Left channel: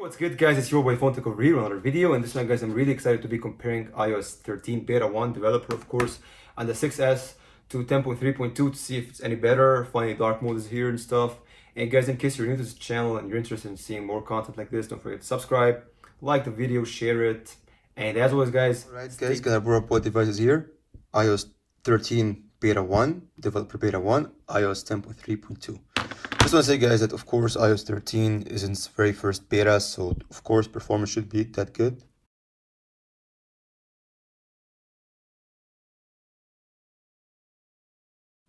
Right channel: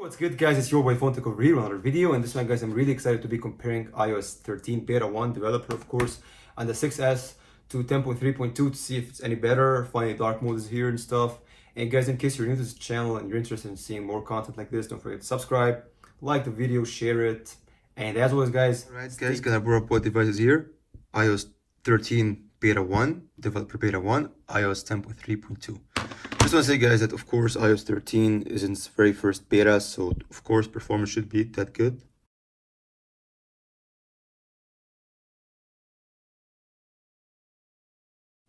What's good, guys? It's your boy Phone Tech over here with another video, and this one, guys, I'm really excited to be comparing iOS 13 beta 1 developer, of course, and the 6S to 10.3.2 to see if it's any better. Finally, dark mode is here and stuff. And guys, in case you're new to this channel and you're interested in seeing more content like this, don't forget to subscribe, like the video, share it, and as always, guys. Alright, guys, gonna bring up both devices here. iOS 13 beta 1, developer beta 1, iOS 10.3.2. Just want to say, guys, that of course iOS 13 is in its very first beta, so of course performance should be that good.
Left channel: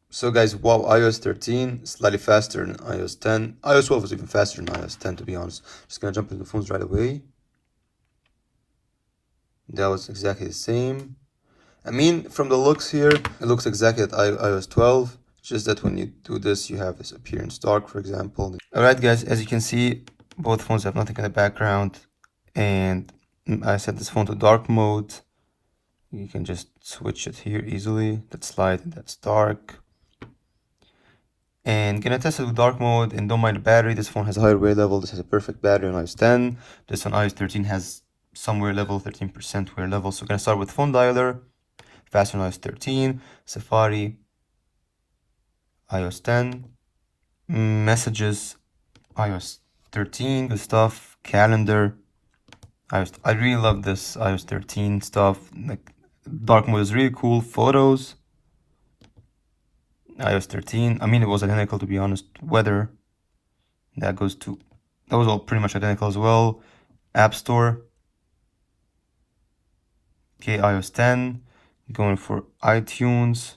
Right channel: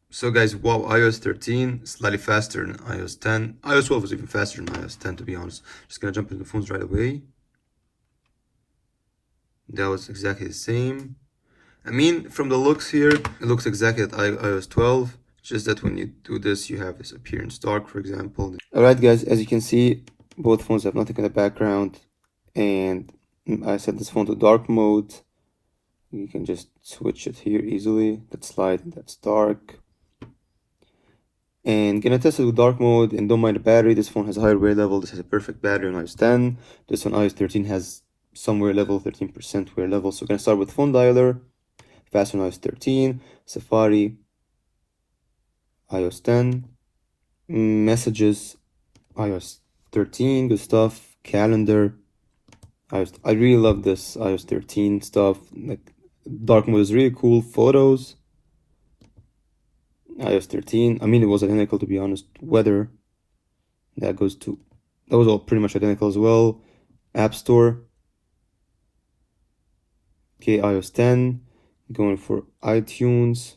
So guys, wow, iOS 13 slightly faster than iOS 10. iOS 12 was even faster than iOS 10, to be honest. Just gonna jump into the phones right away. That was exactly the same. I mean, from the looks here, it looks exactly like iOS 12. Just that when you do this, you have this appearance dark, for example. Alright, guys, as you can see, both phones have nothing in the background. And I set this phone to dark mode. You can just switch it here easily. That's light and that's dark. And gonna test it with dark mode, and don't mind the battery. This phone has a higher wear level. This has a perfect battery on iOS 10. This on iOS 13 has some wear level, 13% wear level. So gonna start with phone dialer. Faster on iOS 13, Safari, iOS 10, messages, iOS 13, good stuff, calendar, I really love this iOS 13 stuff, like dark mode is really cool, photos, iOS 13, I mean it was identical to be honest, weather, that was all pretty much identical as well, App Store, okay, iOS 10, going for iTunes.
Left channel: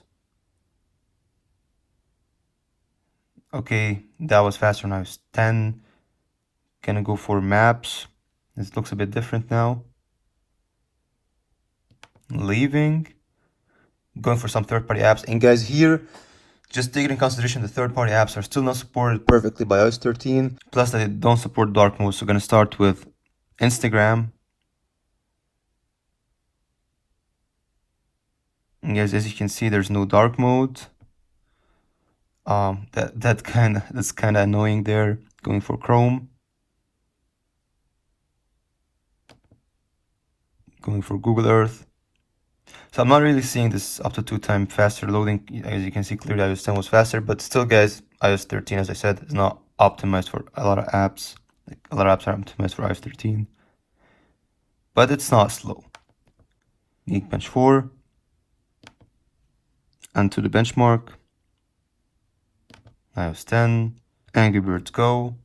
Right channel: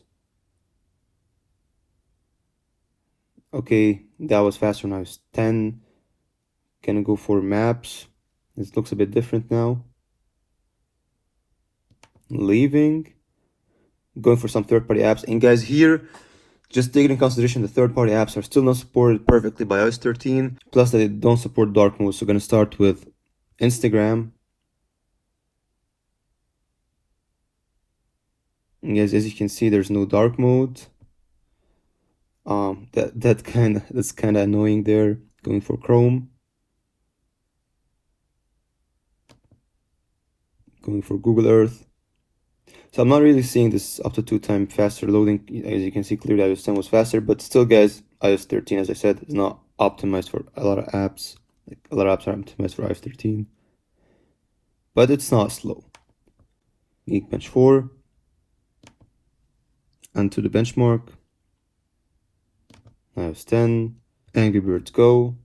Okay, that was faster when I was 10. Gonna go for maps. This looks a bit different now. Leaving. Going for some third-party apps. And guys, here, just taking in consideration the third-party apps are still not supported perfectly by iOS 13. Plus that they don't support dark mode. So gonna start with Instagram. And guys, as you can see, there's no dark mode. That's kind of annoying there. Going for Chrome. Going for Google Earth. So I'm not really seeing this up to 2x faster loading. As you can see clearly, iOS 10 was faster, but still, guys, iOS 13, as I said, is not optimized for a lot of apps. Like, a lot of apps are optimized for iOS 13, but it's not slow. Geekbench 4, and to the benchmark, iOS 10, Angry Birds Go,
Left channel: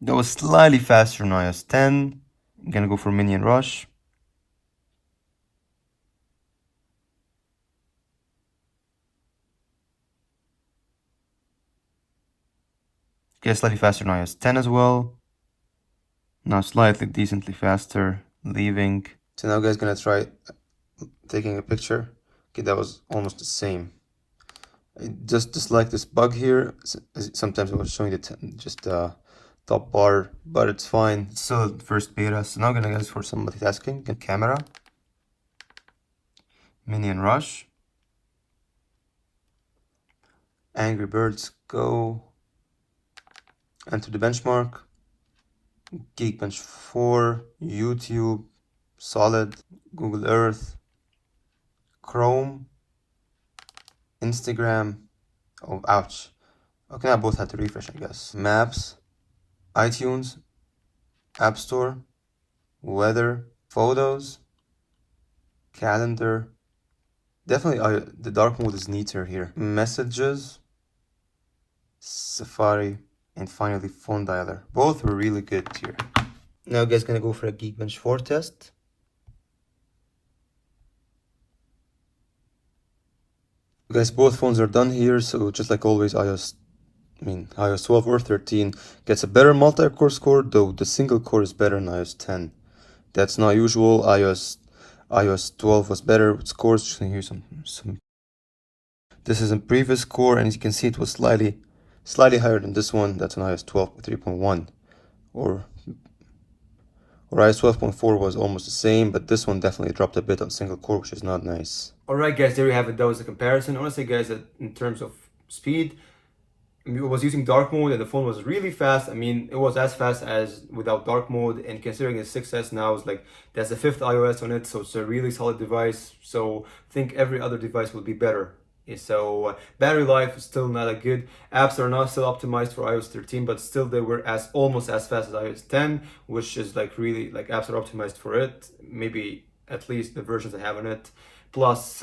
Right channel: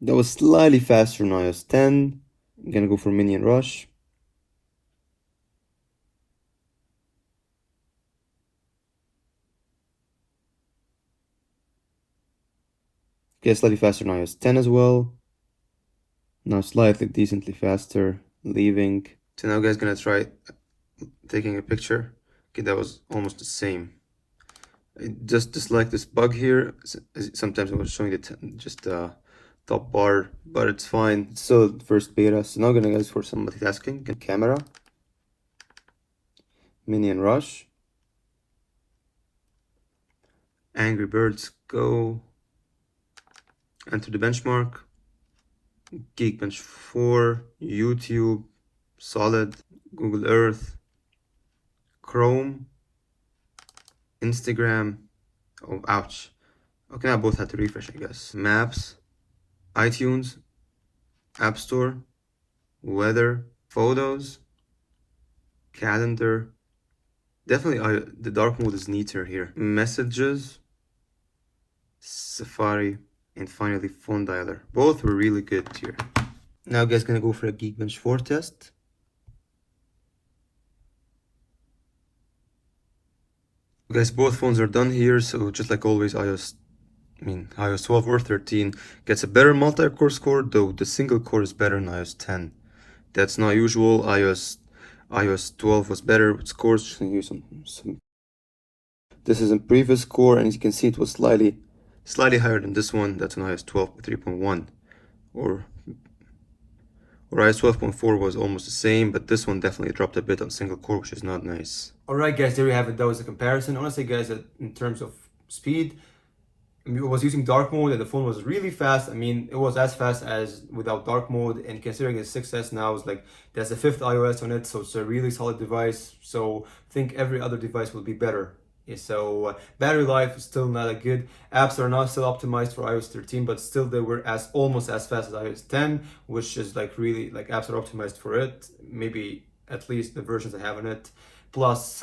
that was slightly faster than iOS 10. I'm gonna go for Minion Rush. Okay, slightly faster than iOS 10 as well. Now slightly decently faster, leaving. So now guys, gonna try taking a picture. Okay, that was almost the same. I just dislike this bug here. Sometimes I was showing it just top bar, but it's fine. It's still first beta. So now I'm gonna guys for some multitasking. Camera, Minion Rush, Angry Birds Go, enter the benchmark, Geekbench 4, YouTube, Solid, Google Earth, Chrome, Instagram. Oh, ouch. Okay, I both had to refresh, I guess. Maps, iTunes, App Store, weather, photos, calendar. Definitely the dark mode is neater here. Messages, Safari, and finally phone dialer. Both were really good here. Now guys, gonna go for a Geekbench 4 test. Guys, both phones are done here, so just like always, iOS 12 or 13 gets a better multi-core score, though the single core is better than iOS 10. That's not usual. iOS 12 was better with scores. Just gonna use some. This is a previous core, and as you can see, it was slightly higher than this one. That's an iOS 12 3.1, or Whereas 12.4 was almost the same, but this one definitely dropped a bit on single core, which is not nice. Alright guys, there you have it. That was the comparison. Honestly guys, that in terms of speed, I mean, it was using dark mode and the phone was really fast. I mean, it was as fast as without dark mode, and considering the 6S now is like, there's a 5th iOS on it, so it's a really solid device. So I think every other device will be better. So battery life is still not that good. Apps are not still optimized for iOS 13, but still they were as almost as fast as iOS 10, which is like really like apps are optimized for it. Maybe at least the versions I have on it. Plus,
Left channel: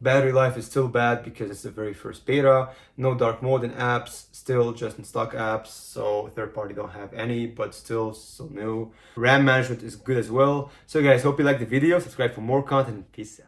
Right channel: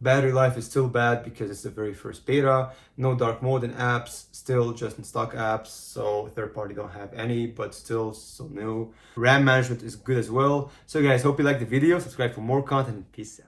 battery life is still bad because it's the very first beta. No dark mode in apps, still just in stock apps. So third party don't have any, but still so new. RAM management is good as well. So guys, hope you liked the video. Subscribe for more content. Peace out.